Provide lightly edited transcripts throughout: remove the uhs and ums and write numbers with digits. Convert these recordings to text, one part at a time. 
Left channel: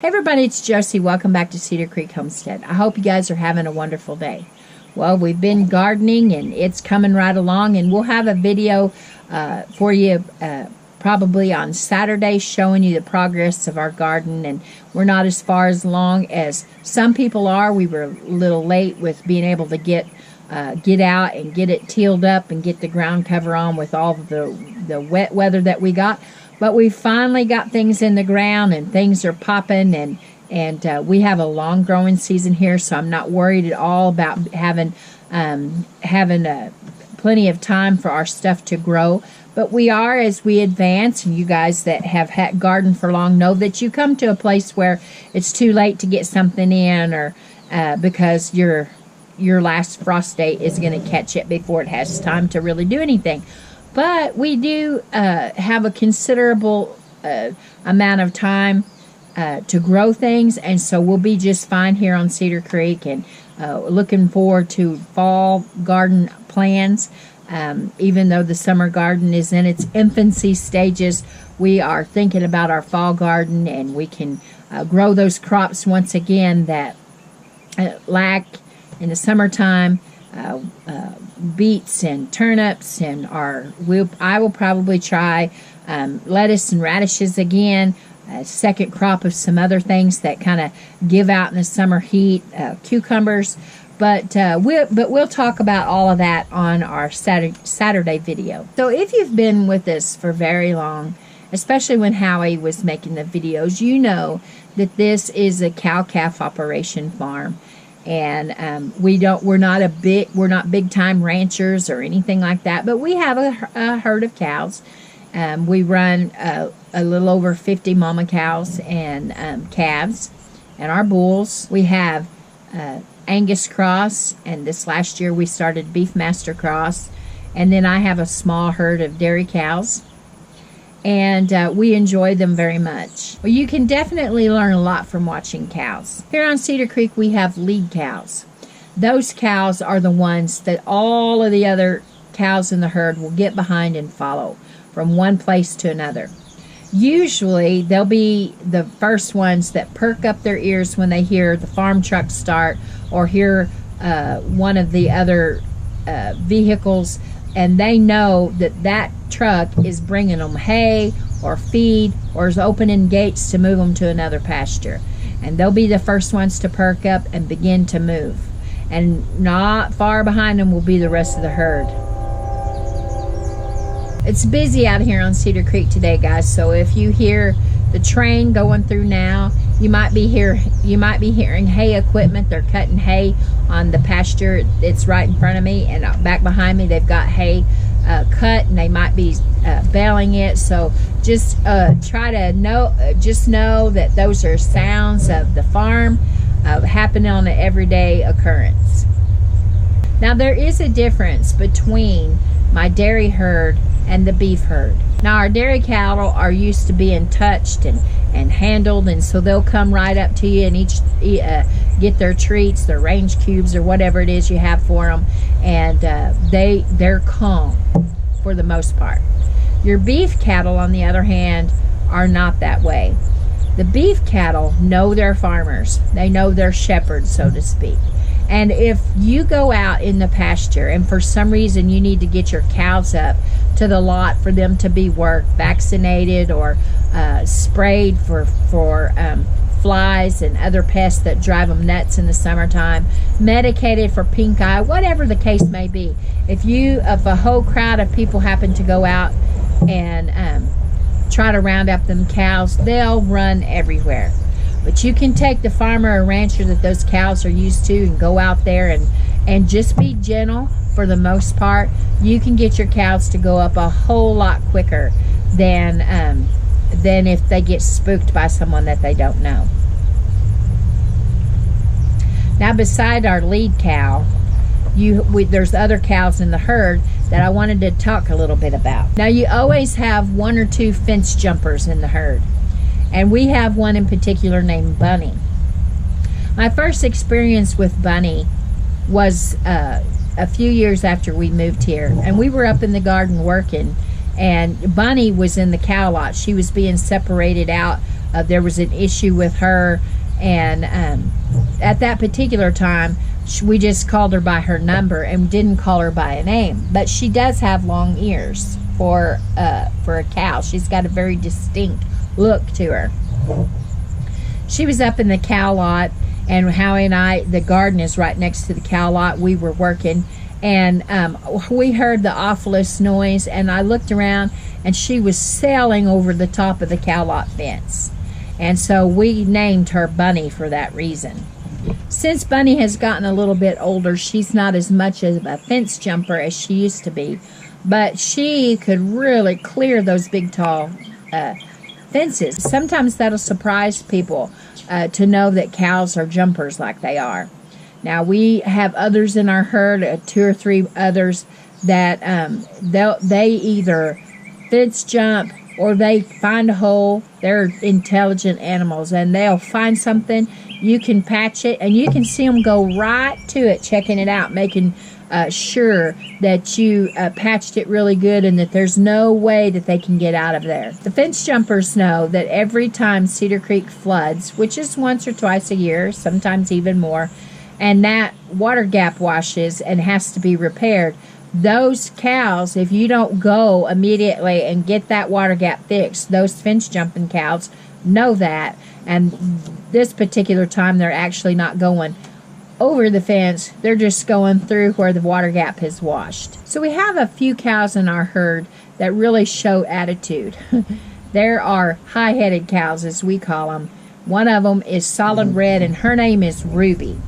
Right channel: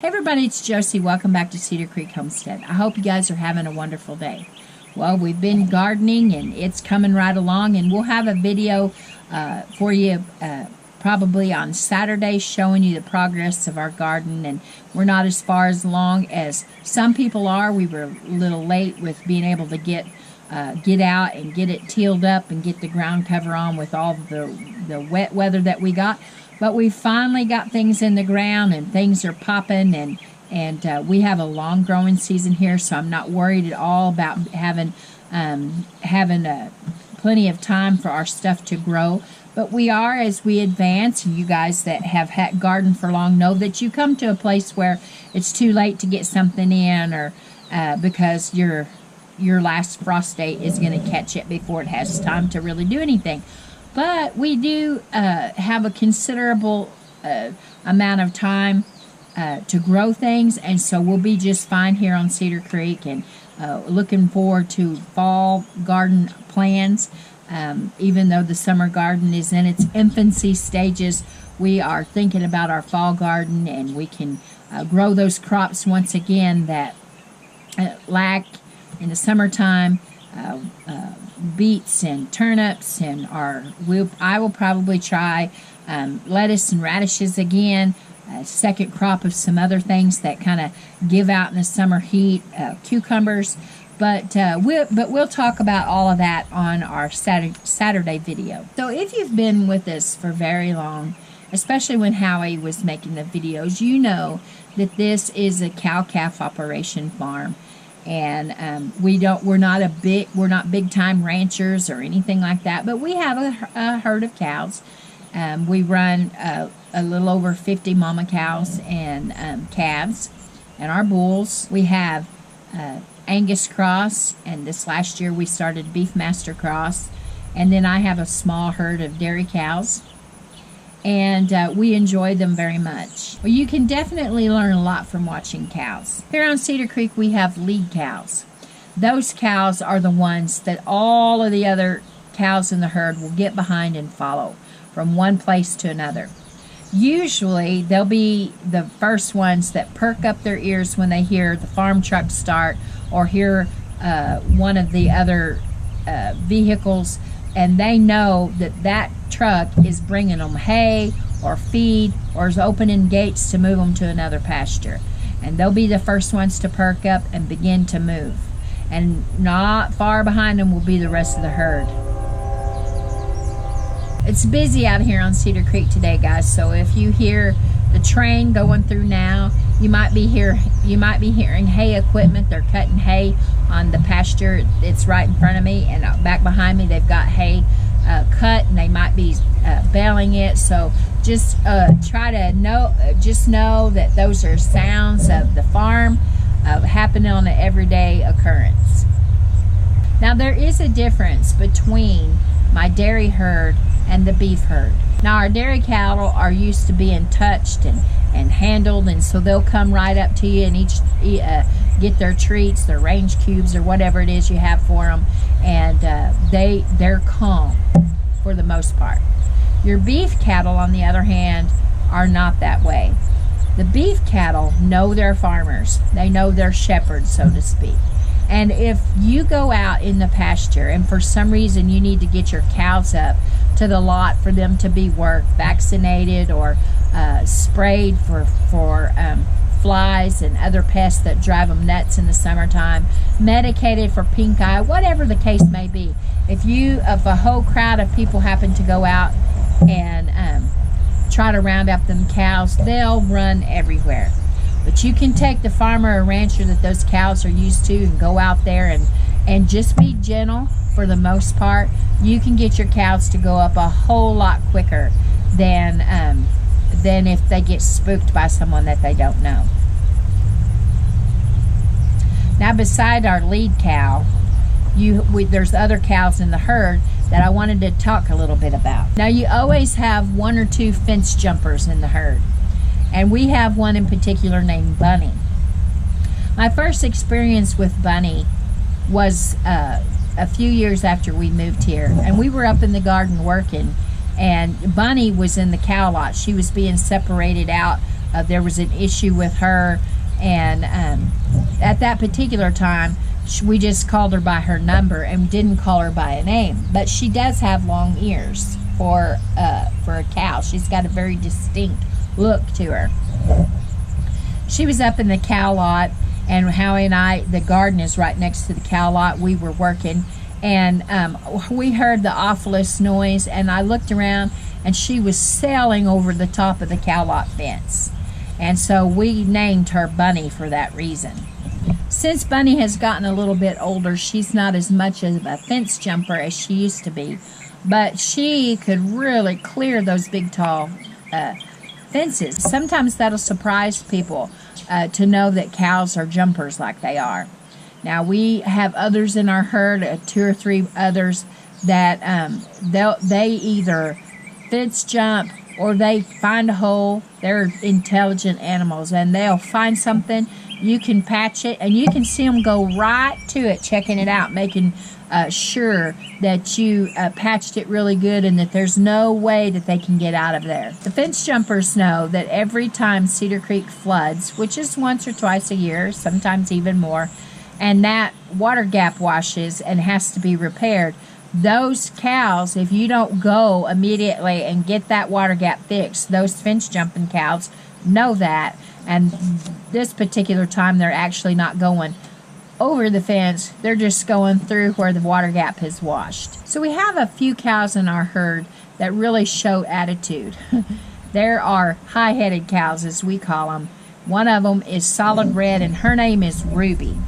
Hey everybody, it's Josie. Welcome back to Cedar Creek Homestead. I hope you guys are having a wonderful day. Well, we've been gardening and it's coming right along, and we'll have a video for you probably on Saturday showing you the progress of our garden, and we're not as far as long as some people are. We were a little late with being able to get out and get it tilled up and get the ground cover on with all of the wet weather that we got. But we finally got things in the ground and things are popping, and we have a long growing season here, so I'm not worried at all about having plenty of time for our stuff to grow. But we are as we advance, and you guys that have had gardened for long know that you come to a place where it's too late to get something in, or because your last frost date is going to catch it before it has time to really do anything. But we do have a considerable amount of time to grow things, and so we'll be just fine here on Cedar Creek, and looking forward to fall garden plans. Even though the summer garden is in its infancy stages, we are thinking about our fall garden, and we can grow those crops once again that lack in the summertime. Beets and turnips, and I will probably try lettuce and radishes again, second crop of some other things that kind of give out in the summer heat, cucumbers, but we'll talk about all of that on our Saturday video. So if you've been with us for very long, especially when Howie was making the videos, you know that this is a cow-calf operation farm. And we're not big time ranchers or anything like that, but we have a herd of cows. We run a little over 50 mama cows and calves, and our bulls. We have Angus cross, and this last year we started Beefmaster cross, and then I have a small herd of dairy cows. And we enjoy them very much. Well, you can definitely learn a lot from watching cows. Here on Cedar Creek, we have lead cows. Those cows are the ones that all of the other cows in the herd will get behind and follow from one place to another. Usually, they'll be the first ones that perk up their ears when they hear the farm truck start or hear one of the other vehicles, and they know that truck is bringing them hay or feed, or is opening gates to move them to another pasture. And they'll be the first ones to perk up and begin to move. And not far behind them will be the rest of the herd. It's busy out here on Cedar Creek today, guys, so if you hear the train going through now, you might be hearing hay equipment. They're cutting hay on the pasture. It's right in front of me, and back behind me they've got hay cut, and they might be baling it. So just know that those are sounds of the farm happening on an everyday occurrence. Now, there is a difference between my dairy herd and the beef herd. Now, our dairy cattle are used to being touched and handled, and so they'll come right up to you and get their treats, their range cubes, or whatever it is you have for them, and they're calm for the most part. Your beef cattle, on the other hand, are not that way. The beef cattle know their farmers. They know their shepherds, so to speak. And if you go out in the pasture and for some reason you need to get your cows up to the lot for them to be worked, vaccinated, or sprayed for flies and other pests that drive them nuts in the summertime, medicated for pink eye, whatever the case may be, if a whole crowd of people happen to go out and try to round up them cows, they'll run everywhere. But you can take the farmer or rancher that those cows are used to and go out there and just be gentle. For the most part, you can get your cows to go up a whole lot quicker than if they get spooked by someone that they don't know. Now, beside our lead cow, there's other cows in the herd that I wanted to talk a little bit about. Now, you always have one or two fence jumpers in the herd, and we have one in particular named Bunny. My first experience with Bunny was a few years after we moved here, and we were up in the garden working, and Bunny was in the cow lot. She was being separated out there was an issue with her, and at that particular time, we just called her by her number and didn't call her by a name. But she does have long ears for a cow. She's got a very distinct look to her. She was up in the cow lot, and Howie and I, the garden is right next to the cow lot. We were working, and we heard the awfulest noise, and I looked around, and she was sailing over the top of the cow lot fence. And so we named her Bunny for that reason. Since Bunny has gotten a little bit older, she's not as much of a fence jumper as she used to be, but she could really clear those big, tall fences. Sometimes that'll surprise people to know that cows are jumpers like they are. Now, we have others in our herd, 2 or 3 others, that they either fence jump or they find a hole. They're intelligent animals, and they'll find something. You can patch it, and you can see them go right to it, checking it out, making sure that you patched it really good and that there's no way that they can get out of there. The fence jumpers know that every time Cedar Creek floods, which is once or twice a year, sometimes even more, and that water gap washes and has to be repaired, those cows, if you don't go immediately and get that water gap fixed, those fence jumping cows know that, and this particular time they're actually not going over the fence, they're just going through where the water gap has washed. So we have a few cows in our herd that really show attitude. There are high-headed cows, as we call them. One of them is solid red, and her name is Ruby.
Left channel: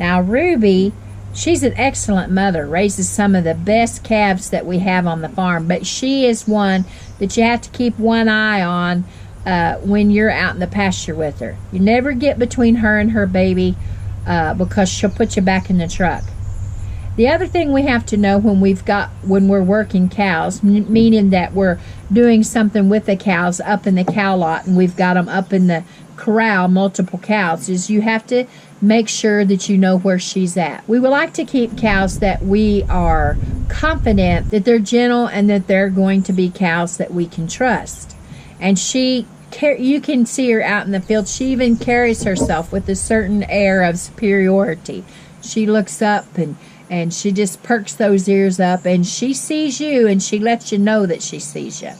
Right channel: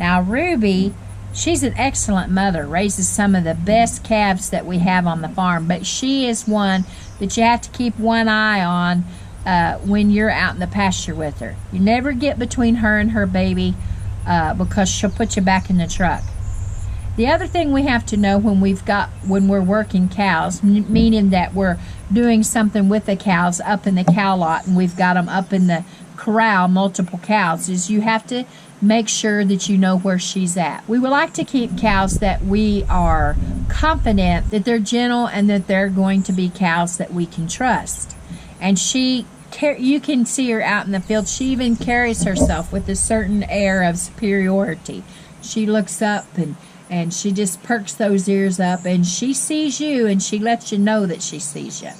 Now, Ruby, she's an excellent mother, raises some of the best calves that we have on the farm, but she is one that you have to keep one eye on when you're out in the pasture with her. You never get between her and her baby because she'll put you back in the truck. The other thing we have to know when we're working cows, meaning that we're doing something with the cows up in the cow lot and we've got them up in the corral, multiple cows, is you have to make sure that you know where she's at. We would like to keep cows that we are confident that they're gentle and that they're going to be cows that we can trust. And you can see her out in the field. She even carries herself with a certain air of superiority. She looks up and she just perks those ears up, and she sees you, and she lets you know that she sees you.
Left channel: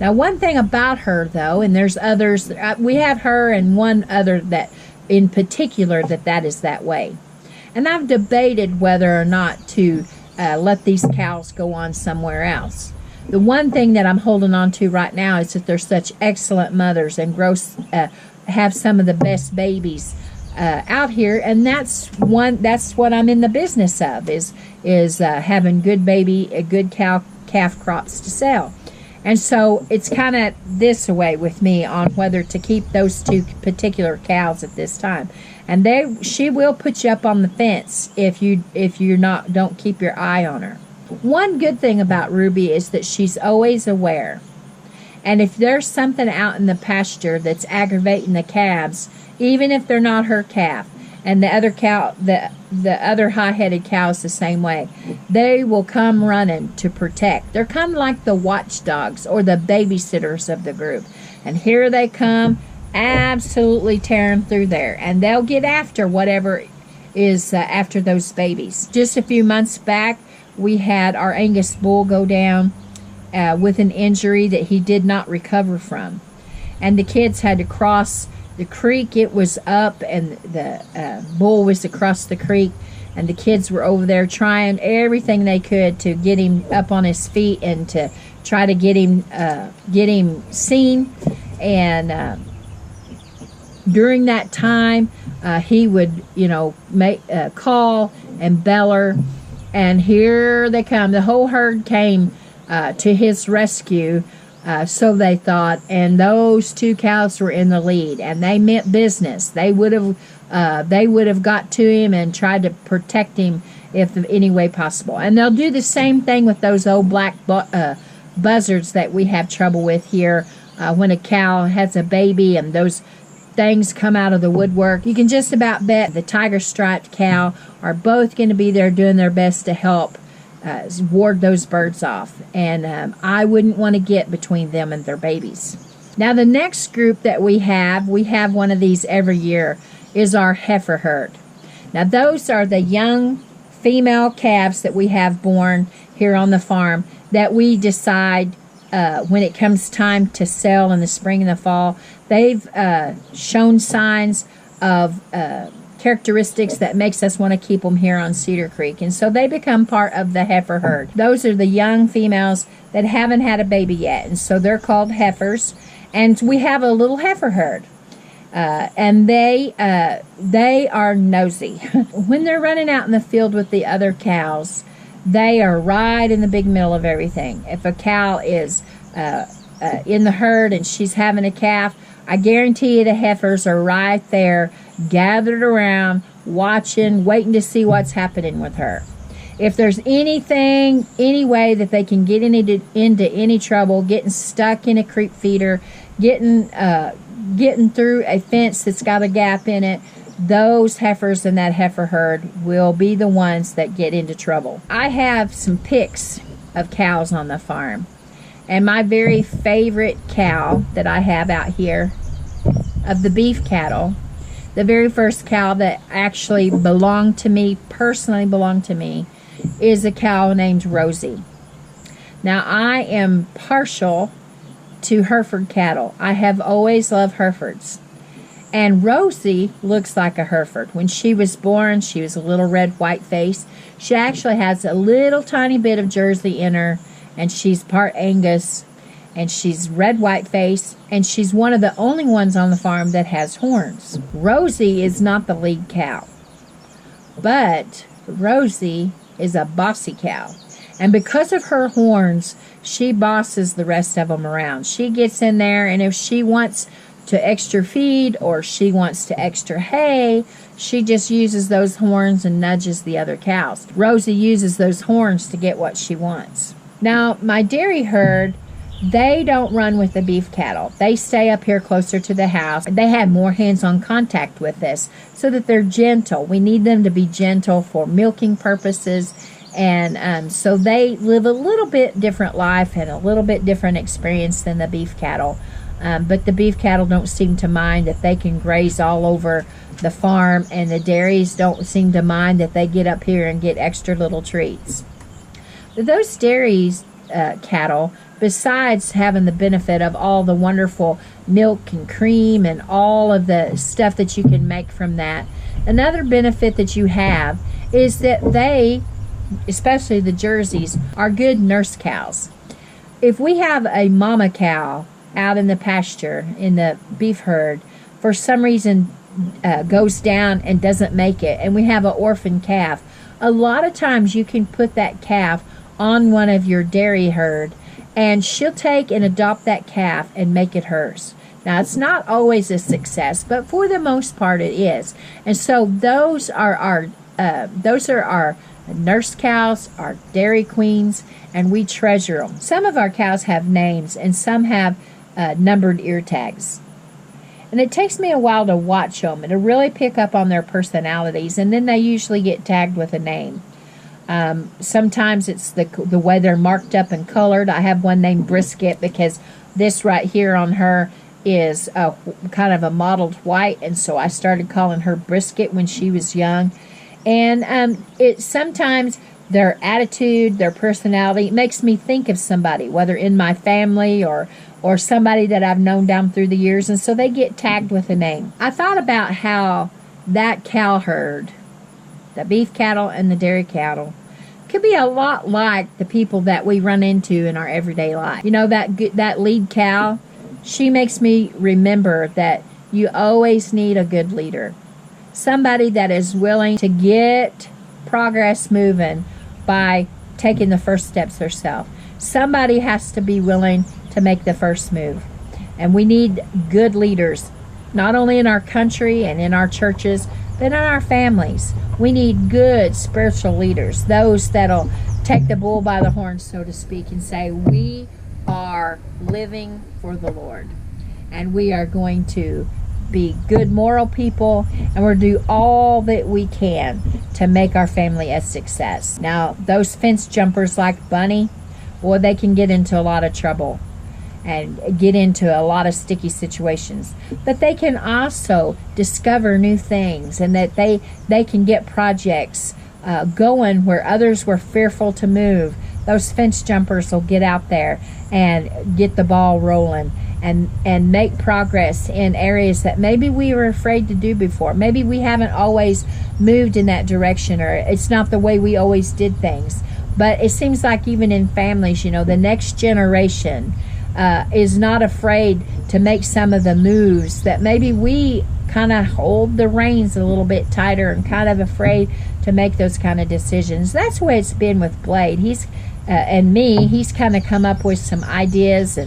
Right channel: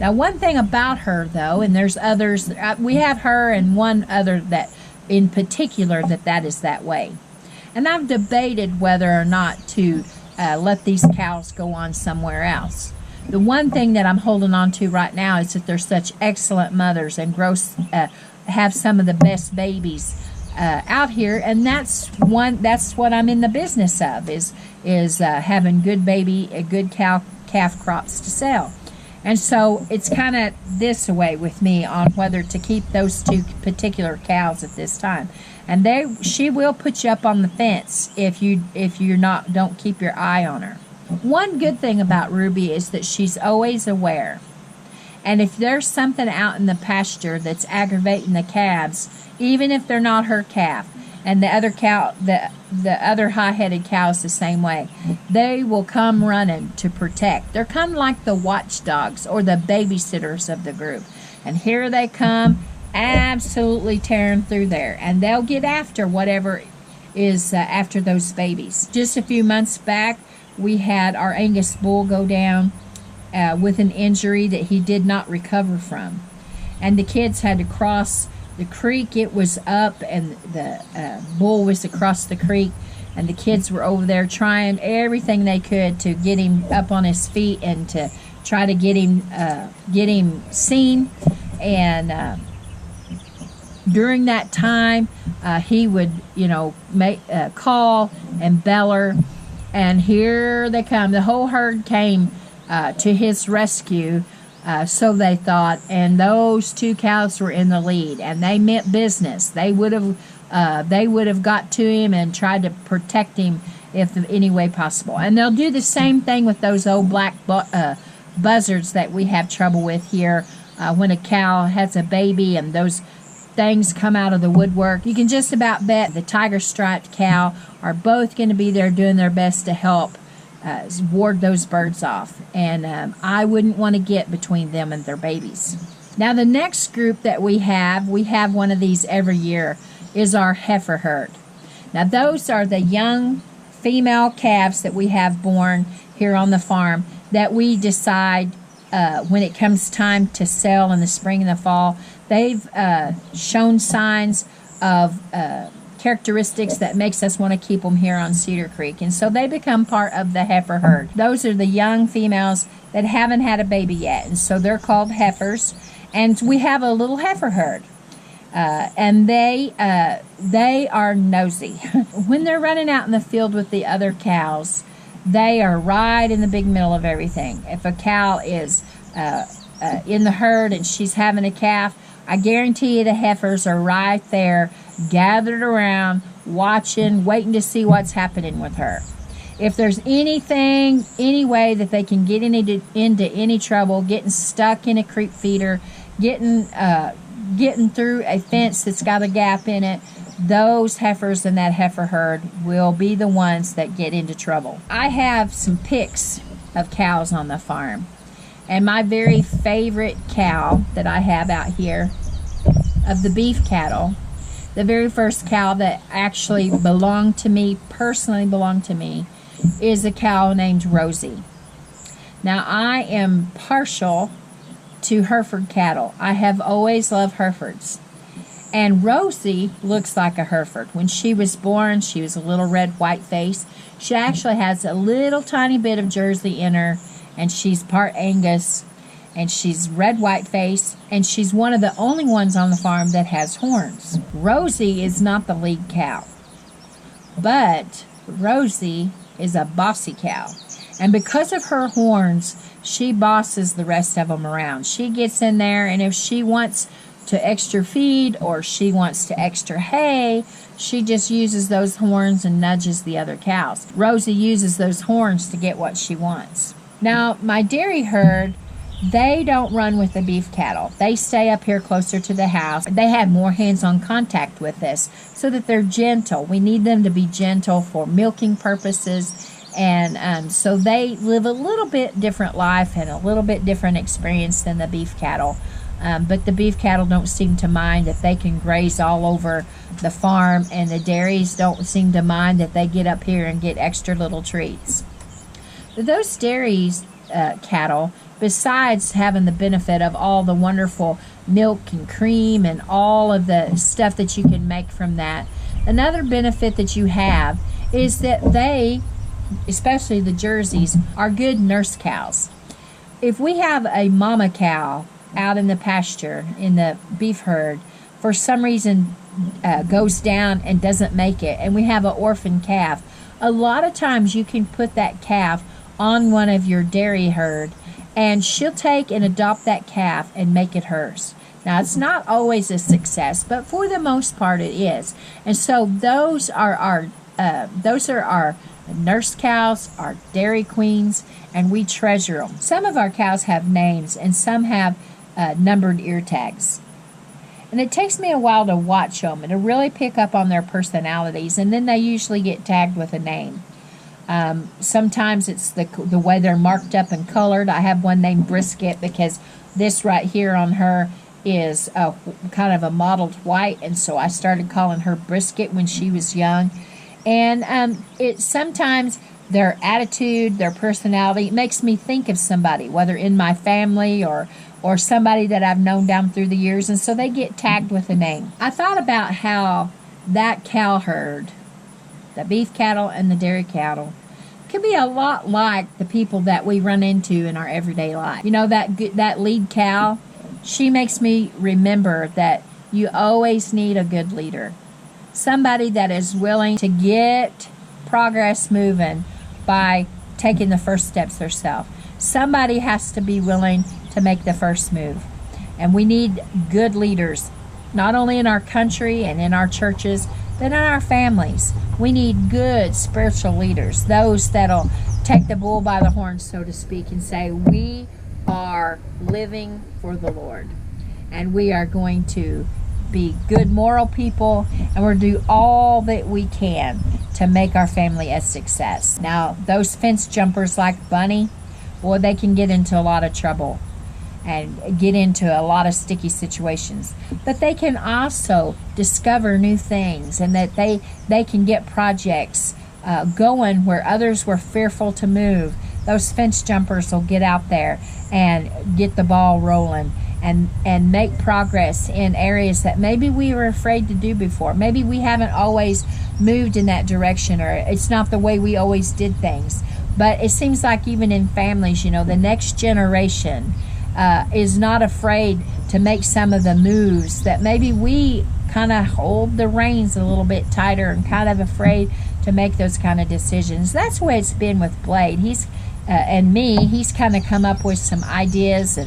Now, one thing about her, though, and there's others, we have her and one other that in particular that is that way. And I've debated whether or not to let these cows go on somewhere else. The one thing that I'm holding on to right now is that they're such excellent mothers and have some of the best babies out here, and that's what I'm in the business of, is having good calf crops to sell. And so it's kind of this way with me on whether to keep those 2 particular cows at this time. And she will put you up on the fence if you don't keep your eye on her. One good thing about Ruby is that she's always aware. And if there's something out in the pasture that's aggravating the calves, even if they're not her calf, and the other high-headed cows the same way, they will come running to protect. They're kind of like the watchdogs or the babysitters of the group. And here they come, absolutely tearing through there. And they'll get after whatever is after those babies. Just a few months back, we had our Angus bull go down with an injury that he did not recover from. And the kids had to cross the creek. It was up, and the bull was across the creek, and the kids were over there trying everything they could to get him up on his feet and to try to get him seen. And during that time, he would, make call and beller, and here they come. The whole herd came to his rescue. So they thought, and those 2 cows were in the lead, and they meant business. They would have got to him and tried to protect him if in any way possible. And they'll do the same thing with those old black buzzards that we have trouble with here when a cow has a baby and those things come out of the woodwork. You can just about bet the tiger striped cow are both going to be there doing their best to help ward those birds off, and I wouldn't want to get between them and their babies. Now the next group that we have one of these every year, is our heifer herd. Now those are the young female calves that we have born here on the farm that we decide when it comes time to sell in the spring and the fall. They've shown signs of characteristics that makes us want to keep them here on Cedar Creek, and so they become part of the heifer herd. Those are the young females that haven't had a baby yet, and so they're called heifers. And we have a little heifer herd, and they are nosy. When they're running out in the field with the other cows, they are right in the big middle of everything. If a cow is in the herd and she's having a calf, I guarantee you the heifers are right there, gathered around, watching, waiting to see what's happening with her. If there's anything, any way that they can get into any trouble, getting stuck in a creep feeder, getting through a fence that's got a gap in it, those heifers in that heifer herd will be the ones that get into trouble. I have some pics of cows on the farm, and my very favorite cow that I have out here of the beef cattle, the very first cow that actually belonged to me, personally belonged to me, is a cow named Rosie. Now I am partial to Hereford cattle. I have always loved Herefords. And Rosie looks like a Hereford. When she was born, she was a little red white face. She actually has a little tiny bit of Jersey in her, and she's part Angus, and she's red white face, and she's one of the only ones on the farm that has horns. Rosie is not the lead cow, but Rosie is a bossy cow. And because of her horns, she bosses the rest of them around. She gets in there, and if she wants to extra feed or she wants to extra hay, she just uses those horns and nudges the other cows. Rosie uses those horns to get what she wants. Now, my dairy herd, they don't run with the beef cattle. They stay up here closer to the house. They have more hands-on contact with us so that they're gentle. We need them to be gentle for milking purposes. And so they live a little bit different life and a little bit different experience than the beef cattle. But the beef cattle don't seem to mind that they can graze all over the farm, and the dairies don't seem to mind that they get up here and get extra little treats. But those dairies cattle, besides having the benefit of all the wonderful milk and cream and all of the stuff that you can make from that, another benefit that you have is that they, especially the Jerseys, are good nurse cows. If we have a mama cow out in the pasture in the beef herd, for some reason goes down and doesn't make it, and we have an orphan calf, a lot of times you can put that calf on one of your dairy herd, and she'll take and adopt that calf and make it hers. Now, it's not always a success, but for the most part it is. And so those are our nurse cows, our dairy queens, and we treasure them. Some of our cows have names, and some have numbered ear tags. And it takes me a while to watch them and to really pick up on their personalities, and then they usually get tagged with a name. Sometimes it's the way they're marked up and colored. I have one named Brisket because this right here on her is kind of a mottled white, and so I started calling her Brisket when she was young. And it sometimes their attitude, their personality makes me think of somebody, whether in my family or somebody that I've known down through the years, and so they get tagged with a name. I thought about how that cow herd, the beef cattle and the dairy cattle, could be a lot like the people that we run into in our everyday life. You know, that lead cow, she makes me remember that you always need a good leader. Somebody that is willing to get progress moving by taking the first steps herself. Somebody has to be willing to make the first move. And we need good leaders, not only in our country and in our churches, but in our families. We need good spiritual leaders, those that'll take the bull by the horns, so to speak, and say, we are living for the Lord, and we are going to be good moral people, and we'll do all that we can to make our family a success. Now, those fence jumpers like Bunny, boy, they can get into a lot of trouble. and get into a lot of sticky situations. But they can also discover new things, and that they can get projects going where others were fearful to move. Those fence jumpers will get out there and get the ball rolling and make progress in areas that maybe we were afraid to do before. Maybe we haven't always moved in that direction, or it's not the way we always did things. But it seems like even in families, the next generation is not afraid to make some of the moves that maybe we kind of hold the reins a little bit tighter and kind of afraid to make those kind of decisions. That's the way it's been with Blade. He's kind of come up with some ideas,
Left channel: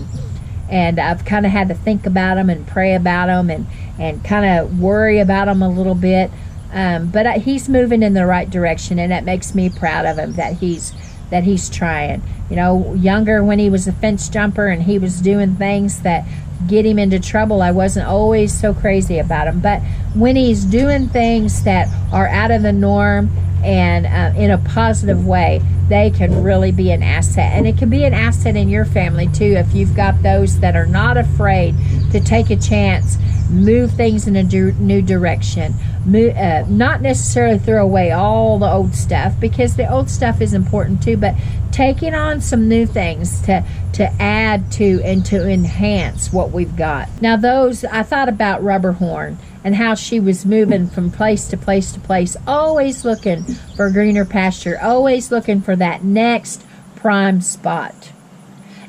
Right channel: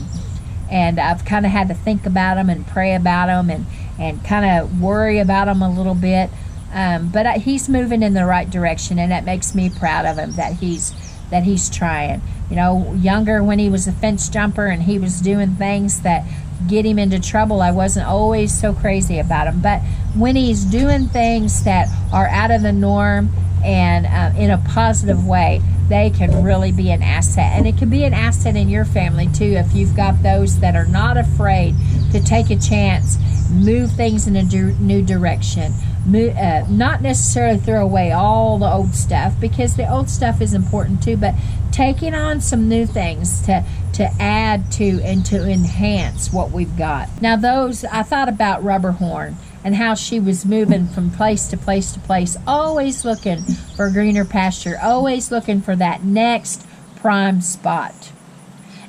and I've kind of had to think about them and pray about them and kind of worry about them a little bit. But he's moving in the right direction, and that makes me proud of him that he's trying. Younger, when he was a fence jumper and he was doing things that get him into trouble, I wasn't always so crazy about him. But when he's doing things that are out of the norm and in a positive way, they can really be an asset. And it can be an asset in your family too, if you've got those that are not afraid to take a chance, move things in a new direction, not necessarily throw away all the old stuff, because the old stuff is important too, but taking on some new things to add to and to enhance what we've got. Now I thought about Rubberhorn and how she was moving from place to place to place, always looking for greener pasture, always looking for that next prime spot.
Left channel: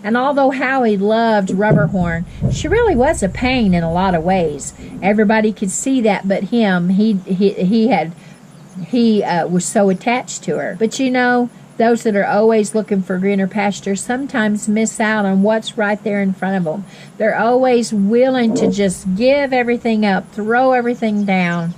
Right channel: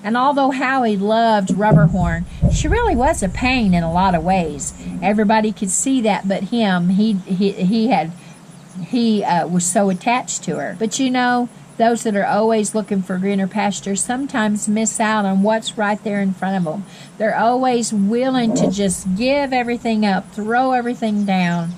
And although Howie loved Rubberhorn, she really was a pain in a lot of ways. Everybody could see that but him. He was so attached to her. But those that are always looking for greener pasture sometimes miss out on what's right there in front of them. They're always willing to just give everything up, throw everything down,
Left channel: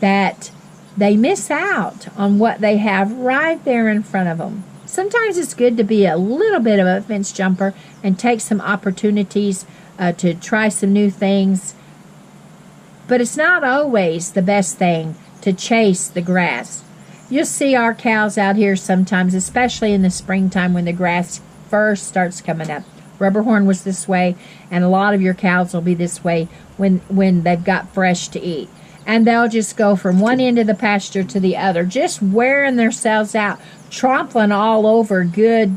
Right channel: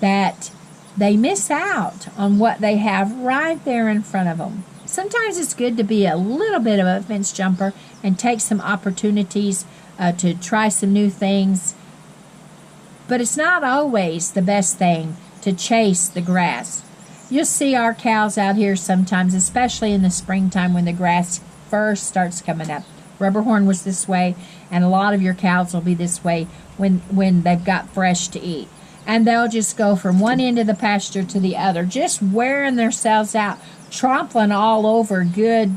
that they miss out on what they have right there in front of them. Sometimes it's good to be a little bit of a fence jumper and take some opportunities to try some new things. But it's not always the best thing to chase the grass. You'll see our cows out here sometimes, especially in the springtime when the grass first starts coming up. Rubberhorn was this way, and a lot of your cows will be this way when they've got fresh to eat. And they'll just go from one end of the pasture to the other, just wearing themselves out, trampling all over good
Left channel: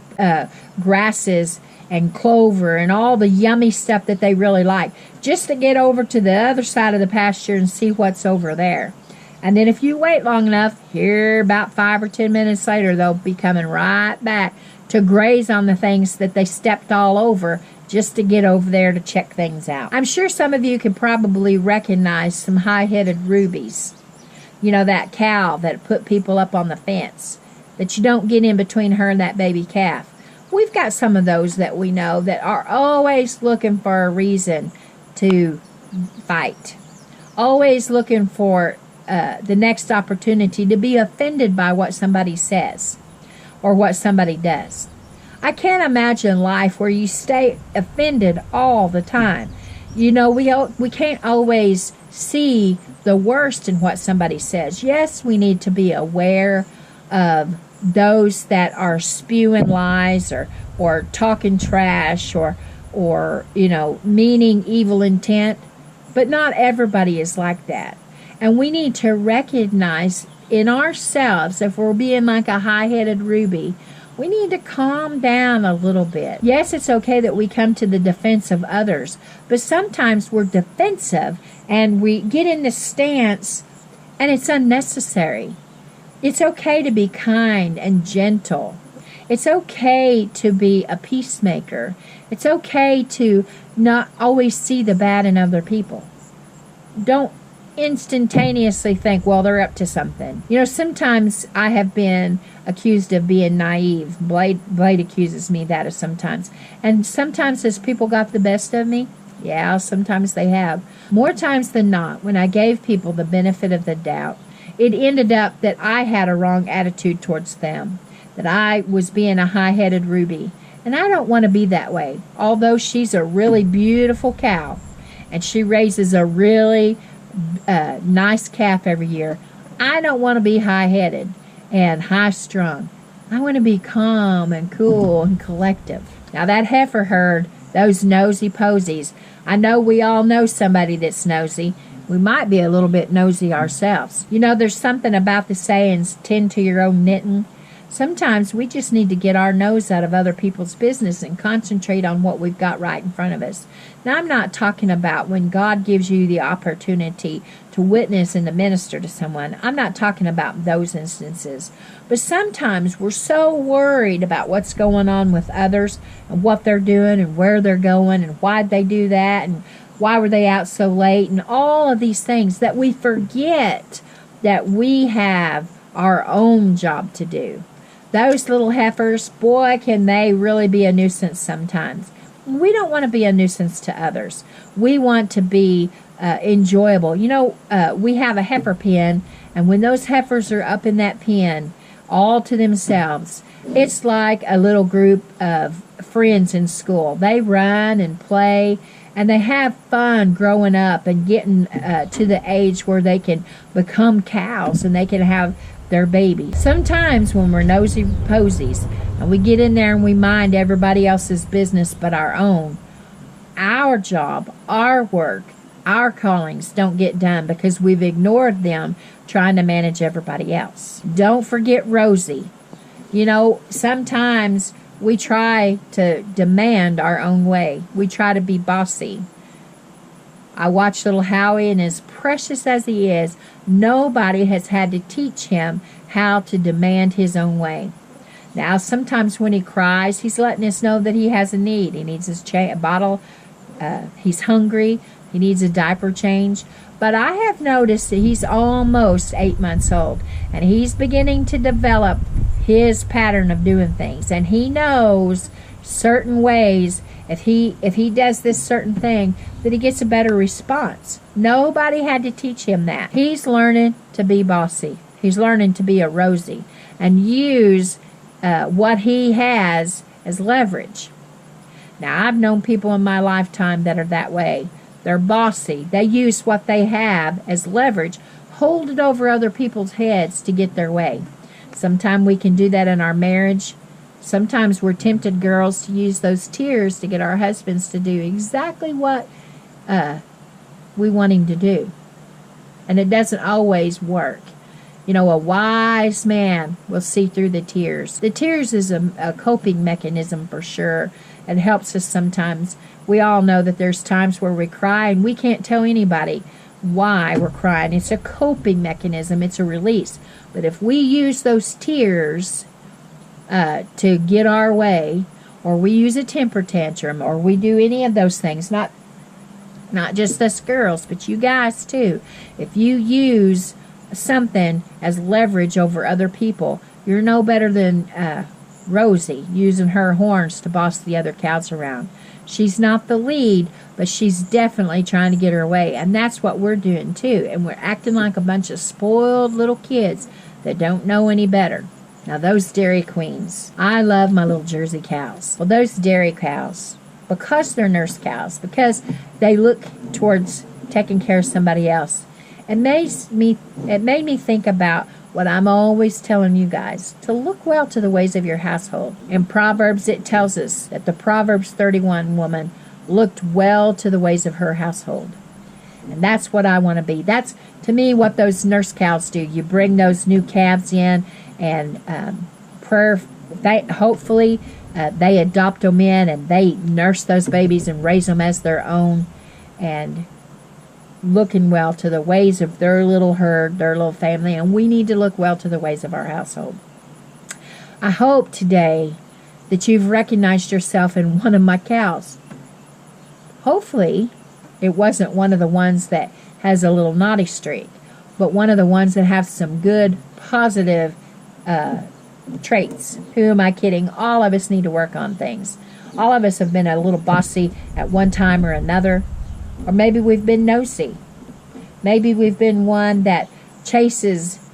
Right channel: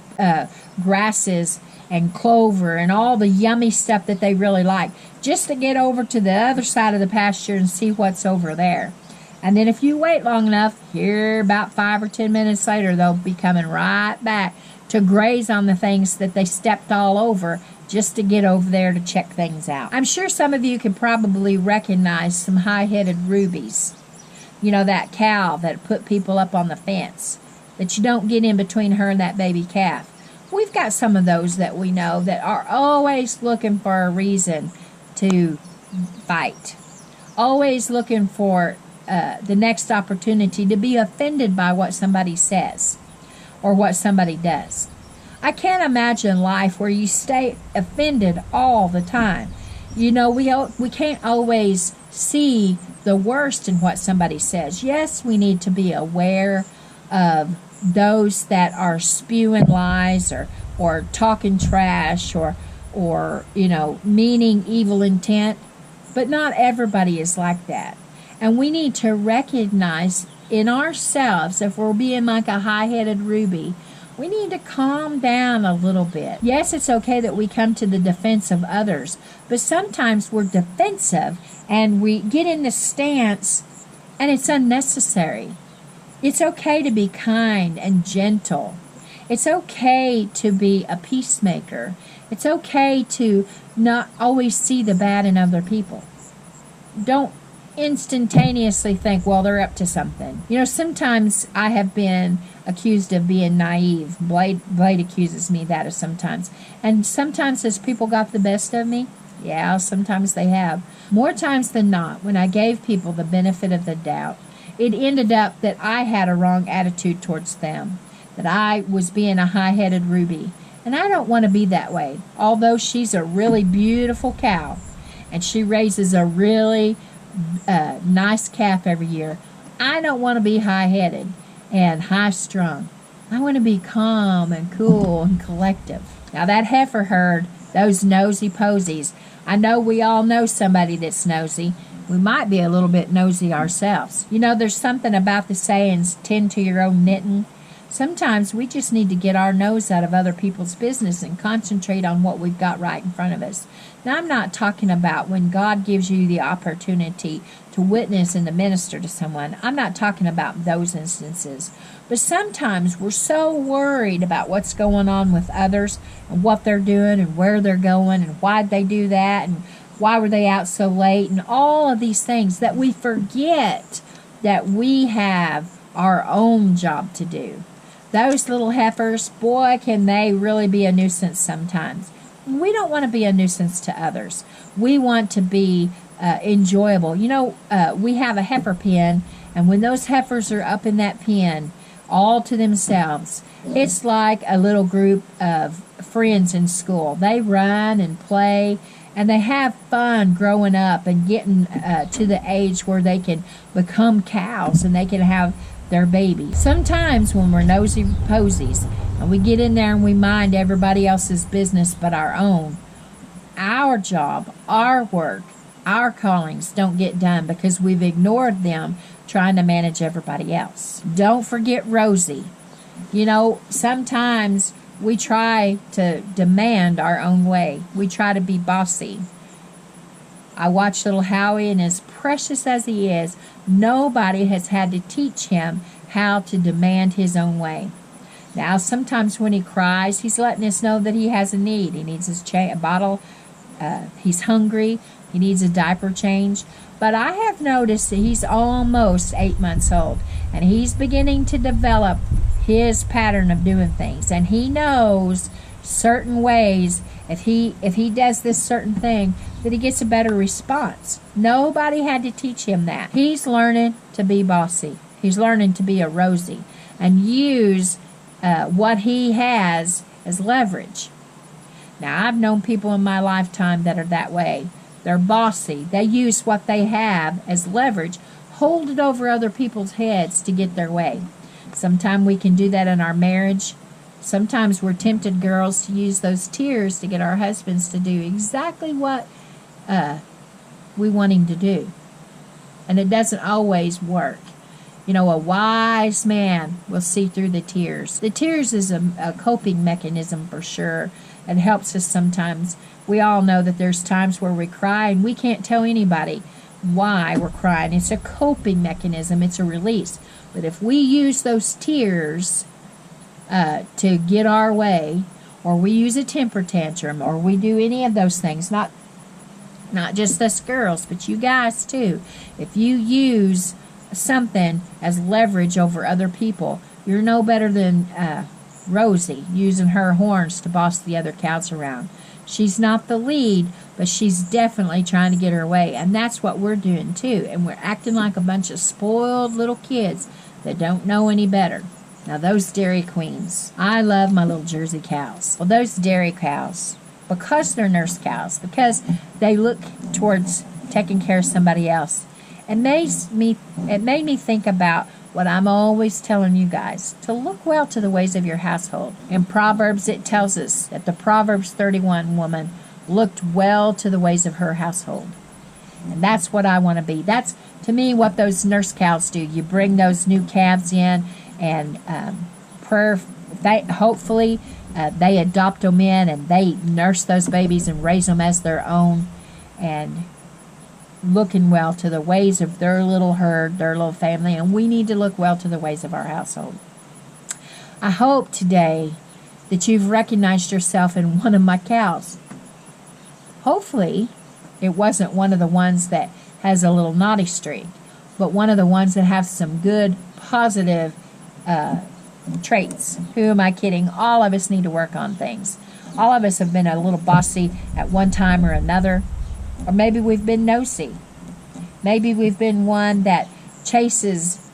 grasses and clover and all the yummy stuff that they really like, just to get over to the other side of the pasture and see what's over there. And then if you wait long enough, here about 5 or 10 minutes later, they'll be coming right back to graze on the things that they stepped all over, just to get over there to check things out. I'm sure some of you could probably recognize some high-headed rubies. That cow that put people up on the fence, that you don't get in between her and that baby calf. We've got some of those that we know that are always looking for a reason to fight, always looking for the next opportunity to be offended by what somebody says or what somebody does. I can't imagine life where you stay offended all the time. We can't always see the worst in what somebody says. Yes, we need to be aware of those that are spewing lies or talking trash or meaning evil intent, but not everybody is like that. And we need to recognize in ourselves, if we're being like a high-headed ruby, we need to calm down a little bit. Yes, it's okay that we come to the defense of others, but sometimes we're defensive and we get in this stance and it's unnecessary. It's okay to be kind and gentle. It's okay to be a peacemaker. It's okay to not always see the bad in other people. Don't instantaneously think, well, they're up to something. Sometimes I have been accused of being naive. Blade accuses me that of sometimes. And sometimes has people got the best of me? Yeah, sometimes they have. More times than not, when I gave people the benefit of the doubt, it ended up that I had a wrong attitude towards them, that I was being a high-headed ruby. And I don't want to be that way. Although she's a really beautiful cow, and she raises a really nice calf every year, I don't want to be high-headed and high-strung. I want to be calm and cool and collective. Now that heifer herd Those nosy posies. I know we all know somebody that's nosy. We might be a little bit nosy ourselves. You know, there's something about the sayings, tend to your own knitting. Sometimes we just need to get our nose out of other people's business and concentrate on what we've got right in front of us. Now, I'm not talking about when God gives you the opportunity to witness and to minister to someone. I'm not talking about those instances. But sometimes we're so worried about what's going on with others and what they're doing and where they're going and why'd they do that and why were they out so late and all of these things that we forget that we have our own job to do. Those little heifers, boy, can they really be a nuisance sometimes. We don't want to be a nuisance to others. We want to be enjoyable. You know, we have a heifer pen, and when those heifers are up in that pen, all to themselves, it's like a little group of friends in school. They run and play, and they have fun growing up and getting to the age where they can become cows and they can have their babies. Sometimes when we're nosy posies and we get in there and we mind everybody else's business but our own, our job, our work, our callings don't get done because we've ignored them trying to manage everybody else. Don't forget Rosie. You know, sometimes we try to demand our own way. We try to be bossy. I watch little Howie, and as precious as he is, nobody has had to teach him how to demand his own way. Now, sometimes when he cries, he's letting us know that he has a need. He needs his bottle. He's hungry. He needs a diaper change. But I have noticed that he's almost 8 months old, and he's beginning to develop his pattern of doing things. And he knows certain ways, if he does this certain thing, that he gets a better response. Nobody had to teach him that. He's learning to be bossy. He's learning to be a Rosie and use what he has as leverage. Now, I've known people in my lifetime that are that way. They're bossy. They use what they have as leverage, hold it over other people's heads to get their way. Sometimes we can do that in our marriage. Sometimes we're tempted, girls, to use those tears to get our husbands to do exactly what we want him to do. And it doesn't always work. You know, a wise man will see through the tears. The tears is a coping mechanism for sure. It helps us sometimes. We all know that there's times where we cry and we can't tell anybody why we're crying. It's a coping mechanism. It's a release. But if we use those tears to get our way, or we use a temper tantrum, or we do any of those things, not just us girls, but you guys too. If you use something as leverage over other people, you're no better than Rosie using her horns to boss the other cows around. She's not the lead, but she's definitely trying to get her way, and that's what we're doing too. And we're acting like a bunch of spoiled little kids that don't know any better. Now, those dairy queens, I love my little Jersey cows. Well, those dairy cows, because they're nurse cows, because they look towards taking care of somebody else, it made me think about what I'm always telling you guys, to look well to the ways of your household. In Proverbs, it tells us that the Proverbs 31 woman looked well to the ways of her household. And that's what I want to be. That's, to me, what those nurse cows do. You bring those new calves in, and hopefully they adopt them in, and they nurse those babies and raise them as their own, and looking well to the ways of their little herd, their little family, and we need to look well to the ways of our household. I hope today that you've recognized yourself in one of my cows. Hopefully it wasn't one of the ones that has a little naughty streak, but one of the ones that have some good, positive traits. Who am I kidding? All of us need to work on things. All of us have been a little bossy at one time or another. Or maybe we've been nosy. Maybe we've been one that chases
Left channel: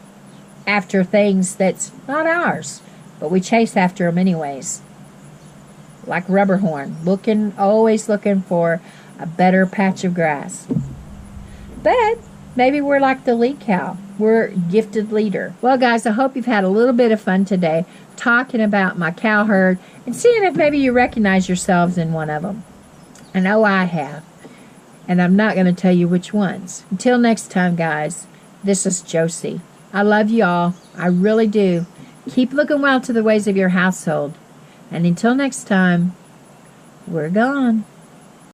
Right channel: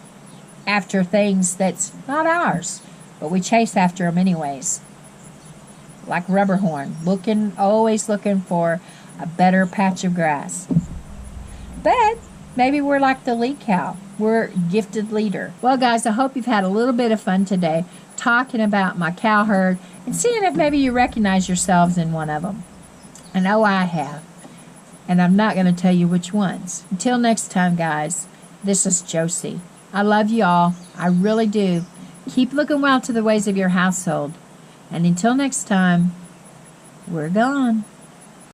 after things that's not ours, but we chase after them anyways. Like Rubberhorn, always looking for a better patch of grass. But maybe we're like the lead cow. We're a gifted leader. Well, guys, I hope you've had a little bit of fun today talking about my cow herd and seeing if maybe you recognize yourselves in one of them. I know I have. And I'm not going to tell you which ones. Until next time, guys, this is Josie. I love you all. I really do. Keep looking well to the ways of your household. And until next time, we're gone.